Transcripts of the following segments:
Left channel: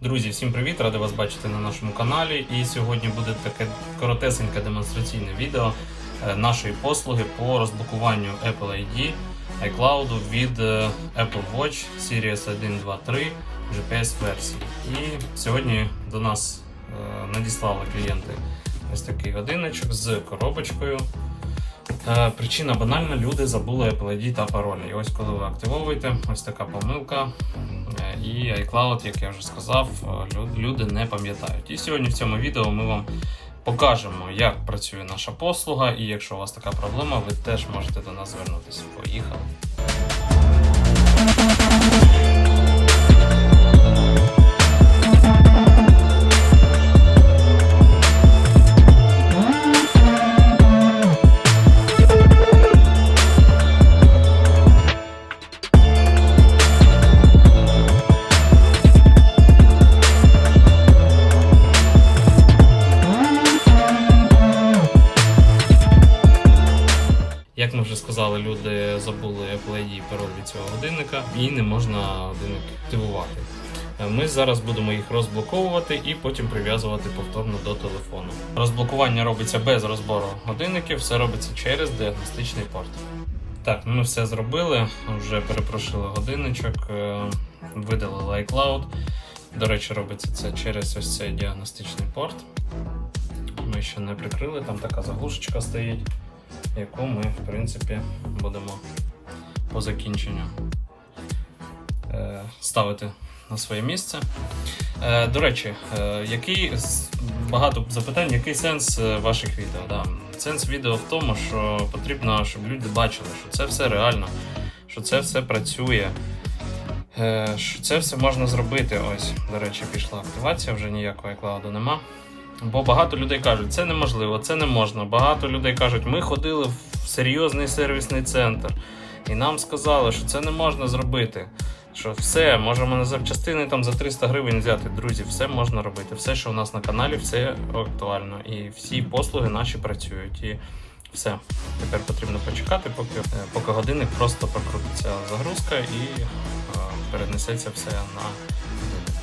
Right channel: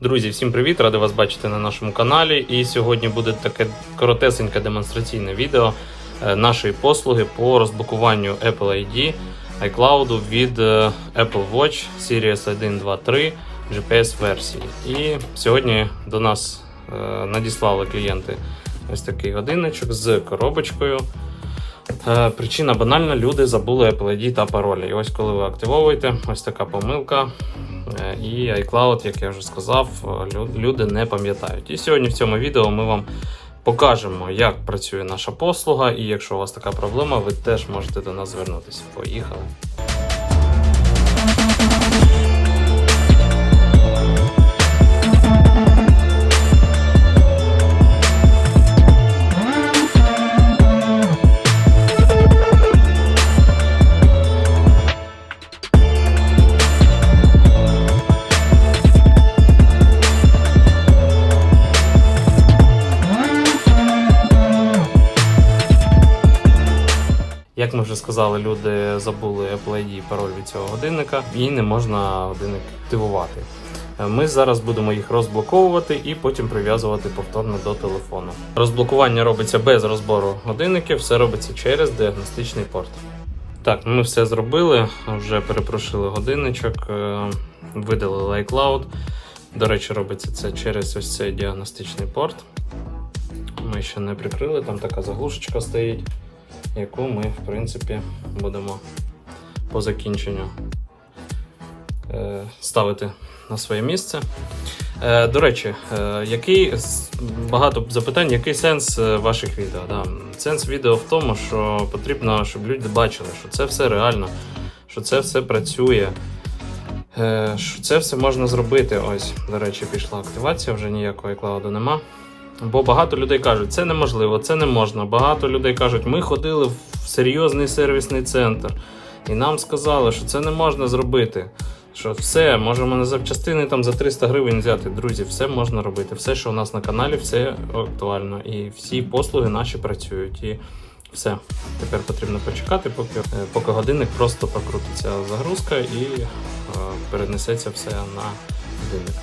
Друзі, всім привіт! Радий вас бачити на нашому каналі. І сьогодні буде таке коротесеньке демонстраційне відео е, нашої послуги по розблокуванню Apple ID iCloud від е, Apple Watch Series 1, 2, 3 GPS версії. І сьогодні до нас е, надіслали клієнти ось такий годинничок з коробочкою. Е, Причина банальна, люди забули Apple ID та паролі. І ось коли ви активовуєте, ось така помилка. Е, І iCloud, як я вже сказав, е, люди не пам'ятають. І сьогодні в цьому відео ми вам покажемо, як працює наша послуга. І якщо у вас така проблема, ви теж можете до нас звернутися. Поїхали. Як ми вже сказали, люди забули Apple і пароль від цього годинника, і не можна годинник активувати. Ми зараз будемо їх розблоковувати і потім прив'язувати повторно до телефону. Розблокування робиться без розбору годинників, все робиться через діагностичний порт. Так, ми все зробили, вже перепрошили годинничок, е, видалили iCloud. До речі, робиться це через ось цей діагностичний порт. Ми ще не прикрили, там така заглушечка стоїть яку ми, в принципі, будемо по закінченню е, ставити на своє місце. Е, До речі, е, який багато запитань, який сенс ваших відео? Да. Сенс відео в тому, що потрібно, щоб люди бачили, що це все реально, що це все працює. Що це все можна зробити. Ось, до речі, пішла активація, вже ніякої кладу нема. Бо багато людей кажуть, це неможливо, це не можна. Багато людей кажуть, ми ходили в серйозний сервісний центр, і нам сказали, що це не можна зробити. Що все, можемо на запчастини там за 300 гривень взяти. Друзі, все можна робити. Все, що у нас на каналі, все актуально. І всі послуги наші працюють. І все. Тепер потрібно почекати, поки, е, поки годинник просто покрутиться загрузка і е, перенесеться все на годинник.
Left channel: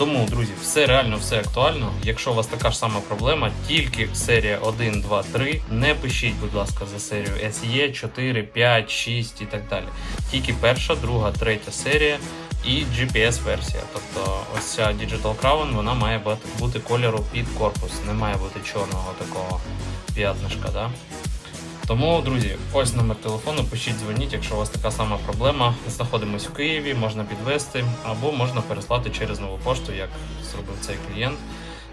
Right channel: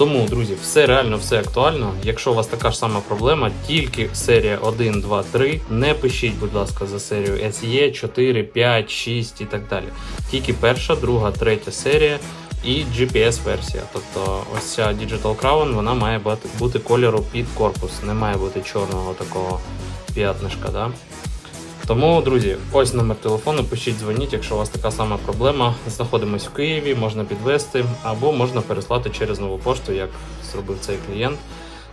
Тому, друзі, все реально, все актуально. Якщо у вас така ж сама проблема, тільки серія 1, 2, 3. Не пишіть, будь ласка, за серію SE 4, 5, 6 і так далі. Тільки перша, друга, третя серія і GPS-версія. Тобто ось ця Digital Crown, вона має бути, кольору під корпус. Не має бути чорного такого п'ятнишка. Да? Тому, друзі, ось номер телефону, пишіть, дзвоніть, якщо у вас така сама проблема. Знаходимось в Києві, можна підвести або можна переслати через нову пошту, як зробив цей клієнт.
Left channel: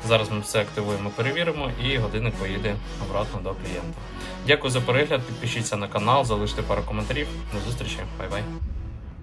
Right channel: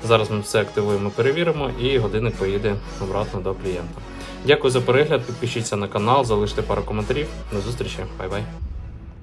Зараз ми все активуємо, перевіримо і годинник поїде обратно до клієнта. Дякую за перегляд, підпишіться на канал, залиште пару коментарів. До зустрічі, бай-бай.